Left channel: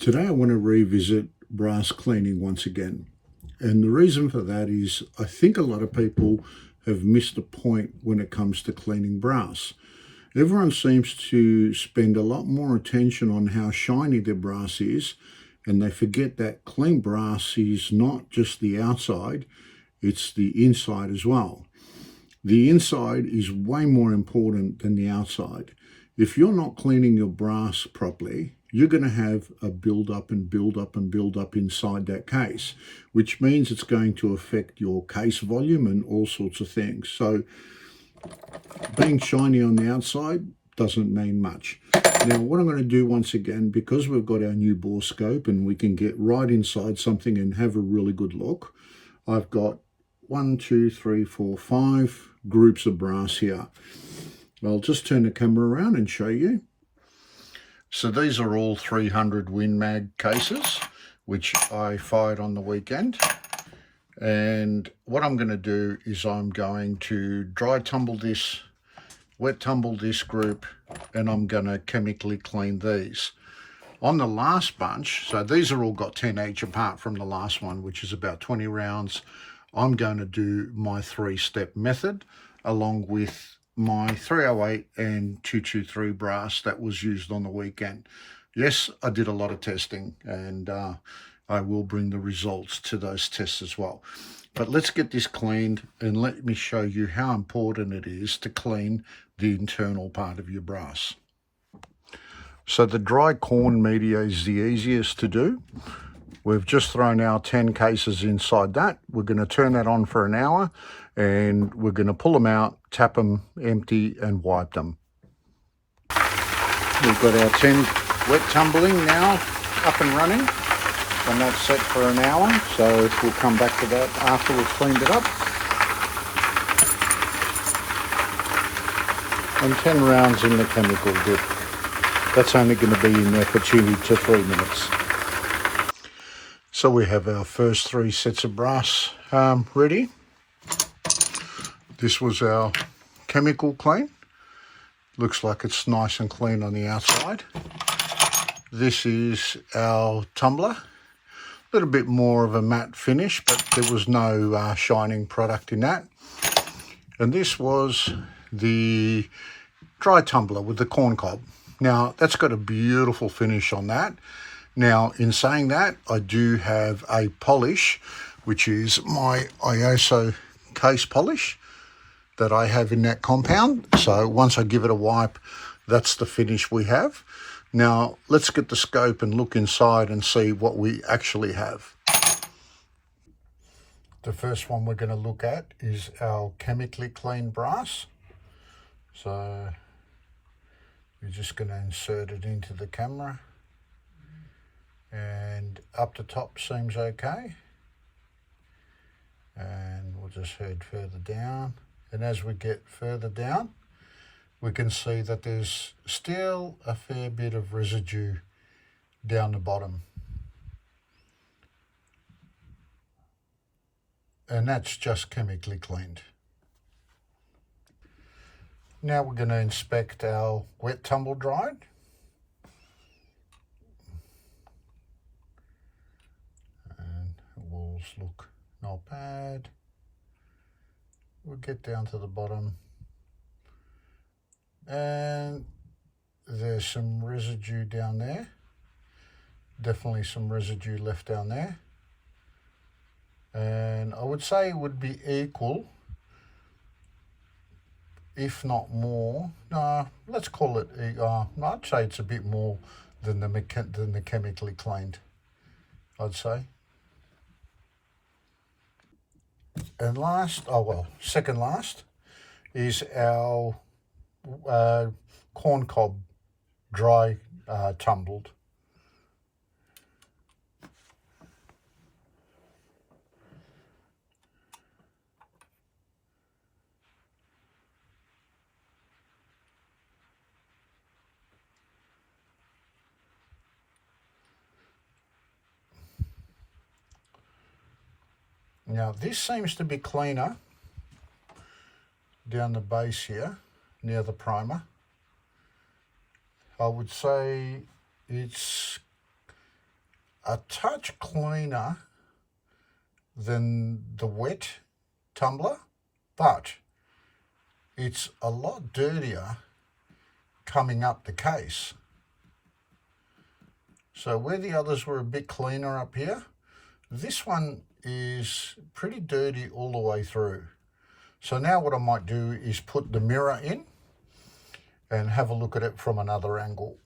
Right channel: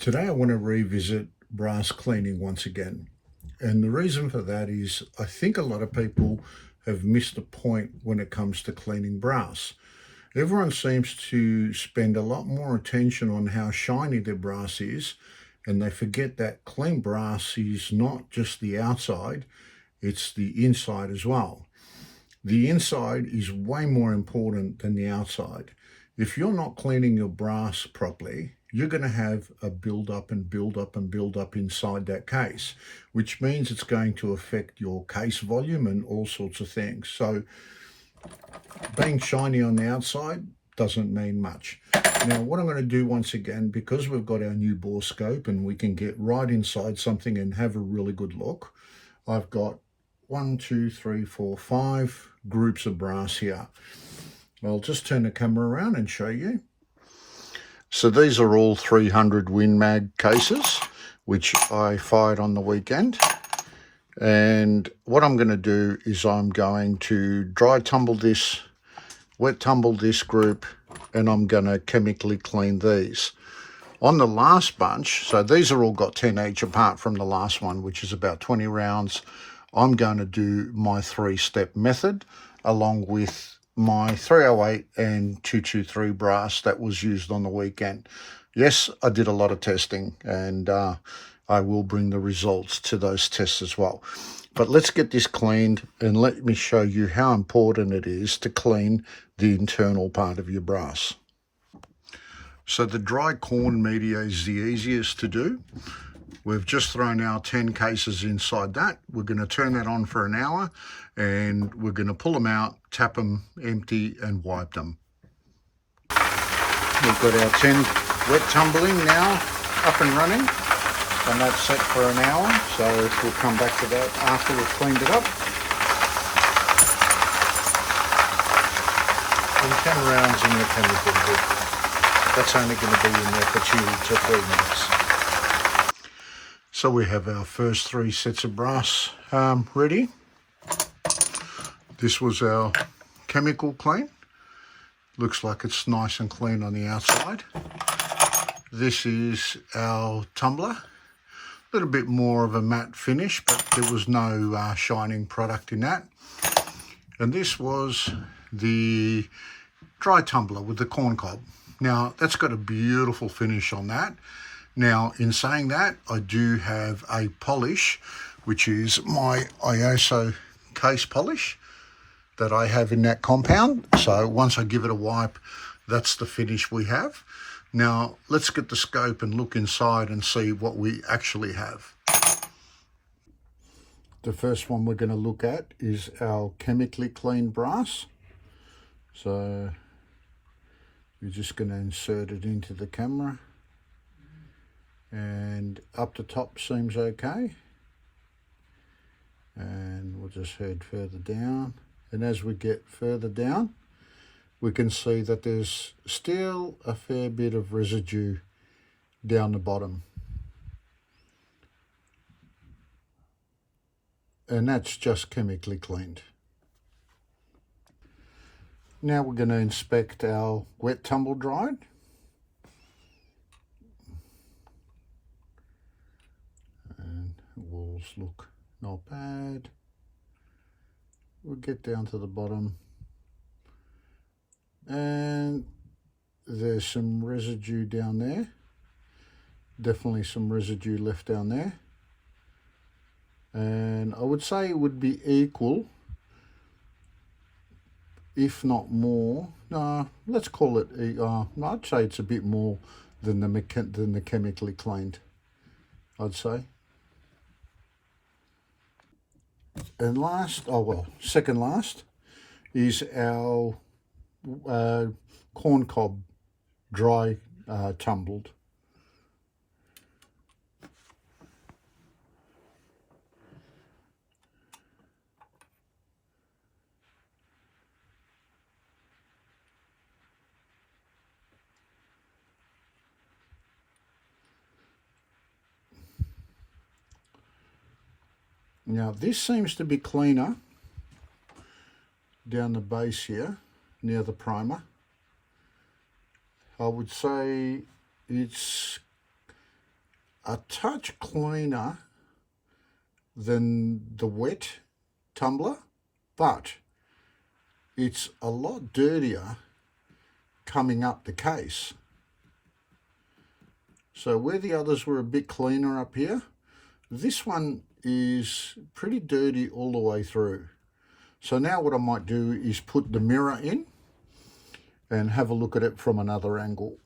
Today I want to revisit brass cleaning once again. And the reason for that is I think a lot of people have missed a point when it comes to cleaning brass. Everyone seems to spend a lot more attention on how shiny their brass is, and they forget that clean brass is not just the outside, it's the inside as well. The inside is way more important than the outside. If you're not cleaning your brass properly, you're going to have a build up and build up and build up inside that case, which means it's going to affect your case volume and all sorts of things. So being shiny on the outside doesn't mean much. Now, what I'm going to do once again, because we've got our new Borescope and we can get right inside something and have a really good look, I've got 1, 2, 3, 4, 5 groups of brass here. I'll just turn the camera around and show you. So these are all 300 WinMag cases, which I fired on the weekend. And what I'm going to do is I'm going to dry tumble this, wet tumble this group, and I'm going to chemically clean these. On the last bunch, so these are all got 10 each apart from the last one, which is about 20 rounds. I'm going to do my 3-step method along with my 308 and 223 brass that was used on the weekend. Yes, I did a lot of testing, and I will bring the results to those tests as well. But let's get this cleaned and let me show you how important it is to clean the internal part of your brass. So the dry corn media is the easiest to do. We've just thrown our 10 cases inside that. We're going to turn that on for an hour and we're going to pull them out, tap them, empty and wipe them. We've got our 10 wet tumbling now up and running, and that's set for an hour. So we'll come back to that after we've cleaned it up. And 10 rounds in the chemical dip. That's only going to be in there for 2 to 3 minutes. So we have our first 3 sets of brass ready. This was our chemical clean. Looks like it's nice and clean on the outside. This is our tumbler. A little bit more of a matte finish, but there was no shining product in that. And this was the dry tumbler with the corn cob. Now, that's got a beautiful finish on that. Now, in saying that, I do have a polish, which is my ISO case polish that I have in that compound. So once I give it a wipe, that's the finish we have. Now, let's get the scope and look inside and see what we actually have. The first one we're going to look at is our chemically cleaned brass. So we're just going to insert it into the camera. And up the top seems okay. And we'll just head further down. And as we get further down, we can see that there's still a fair bit of residue down the bottom. And that's just chemically cleaned. Now we're going to inspect our wet tumble dried. And the walls look not bad. We'll get down to the bottom. And there's some residue down there. Definitely some residue left down there. And I would say it would be equal, if not more. No, let's call it, I'd say it's a bit more than the chemically cleaned, I'd say. And last, second last, is our corn cob dry tumbled. Now this seems to be cleaner down the base here near the primer. I would say it's a touch cleaner than the wet tumbler, but it's a lot dirtier coming up the case. So where the others were a bit cleaner up here, this one is pretty dirty all the way through. So now what I might do is put the mirror in and have a look at it from another angle.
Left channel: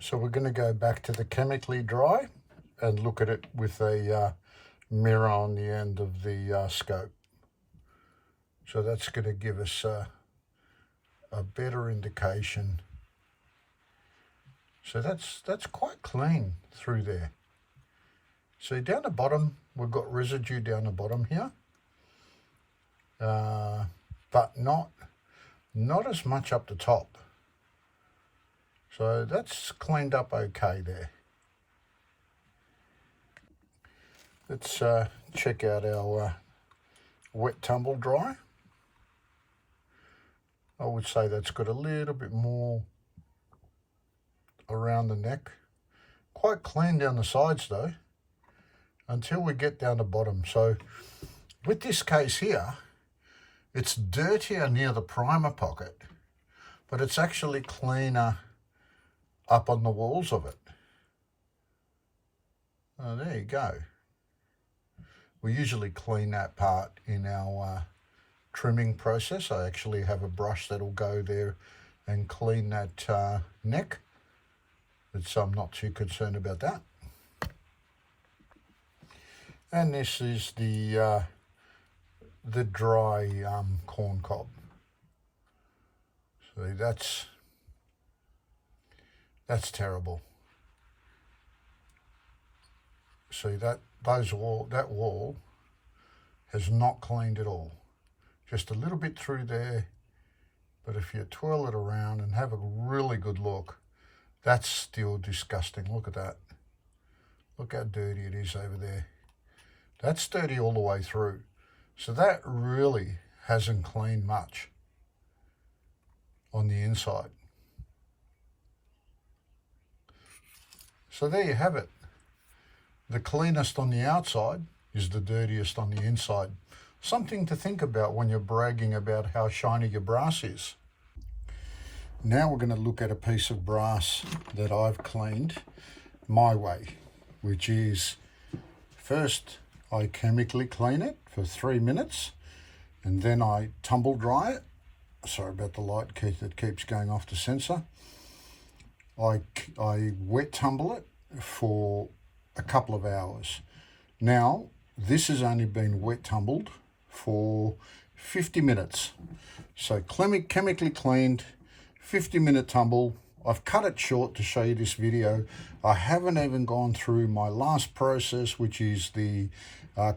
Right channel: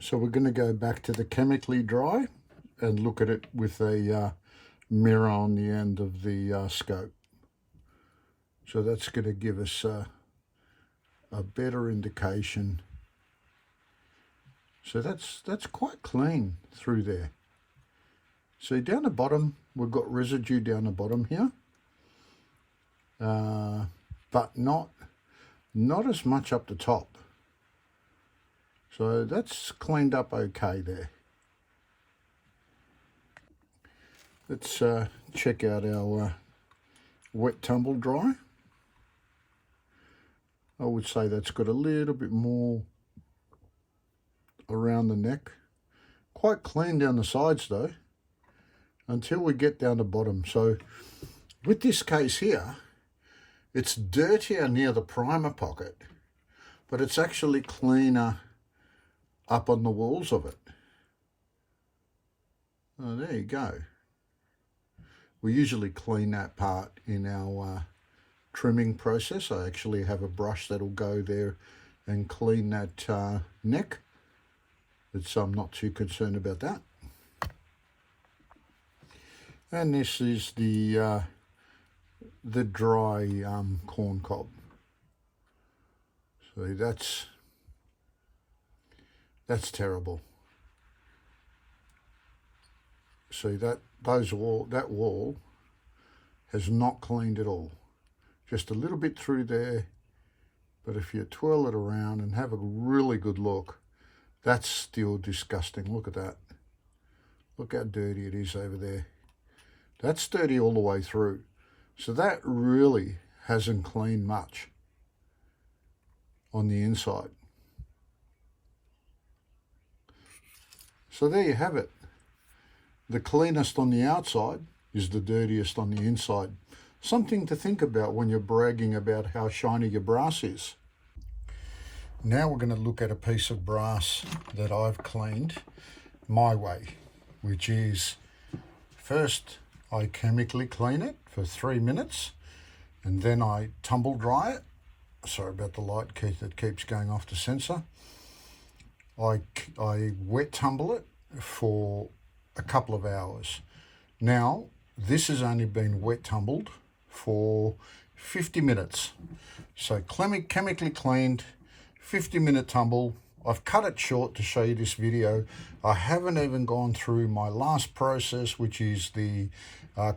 So we're going to go back to the chemically dry and look at it with a mirror on the end of the scope. So that's going to give us a better indication. So that's quite clean through there. See, down the bottom, we've got residue down the bottom here, but not as much up the top. So that's cleaned up okay there. Let's check out our wet tumble dry. I would say that's got a little bit more around the neck. Quite clean down the sides though, until we get down the bottom. So with this case here, it's dirtier near the primer pocket, but it's actually cleaner up on the walls of it. Oh, there you go. We usually clean that part in our trimming process. I actually have a brush that'll go there and clean that neck. So I'm not too concerned about that. And this is the dry corn cob. So that's terrible. See that wall has not cleaned at all. Just a little bit through there, but if you twirl it around and have a really good look, that's still disgusting. Look at that. Look how dirty it is over there. That's dirty all the way through. So that really hasn't cleaned much on the inside. So there you have it. The cleanest on the outside is the dirtiest on the inside. Something to think about when you're bragging about how shiny your brass is. Now we're going to look at a piece of brass that I've cleaned my way, which is first I chemically clean it for 3 minutes and then I tumble dry it. Sorry about the light that keeps going off the sensor. I wet tumble it for a couple of hours. Now this has only been wet tumbled for 50 minutes. So chemically cleaned, 50-minute tumble. I've cut it short to show you this video. I haven't even gone through my last process, which is the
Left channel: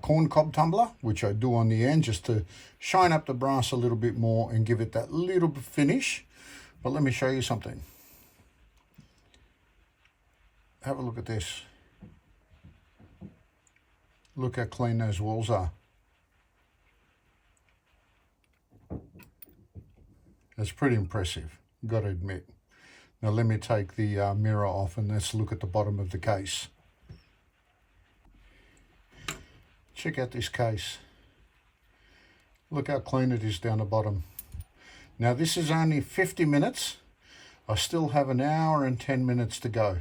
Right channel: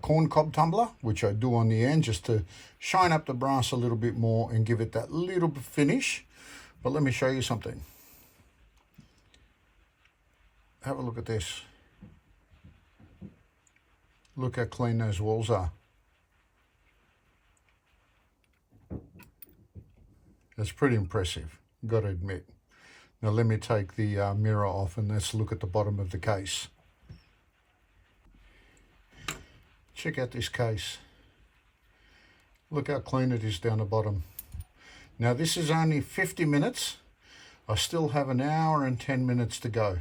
corn cob tumbler, which I do on the end just to shine up the brass a little bit more and give it that little bit finish. But let me show you something. Have a look at this. Look how clean those walls are. That's pretty impressive, got to admit. Now let me take the mirror off and let's look at the bottom of the case. Check out this case. Look how clean it is down the bottom. Now this is only 50 minutes. I still have an hour and 10 minutes to go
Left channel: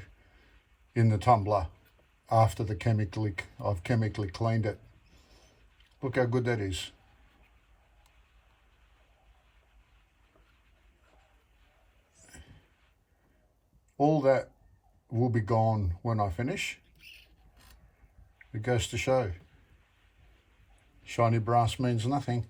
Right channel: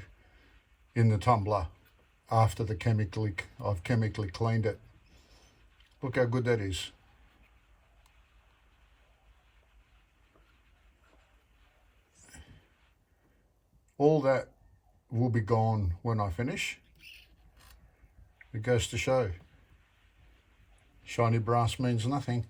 in the tumbler after I've chemically cleaned it. Look how good that is. All that will be gone when I finish. It goes to show, shiny brass means nothing.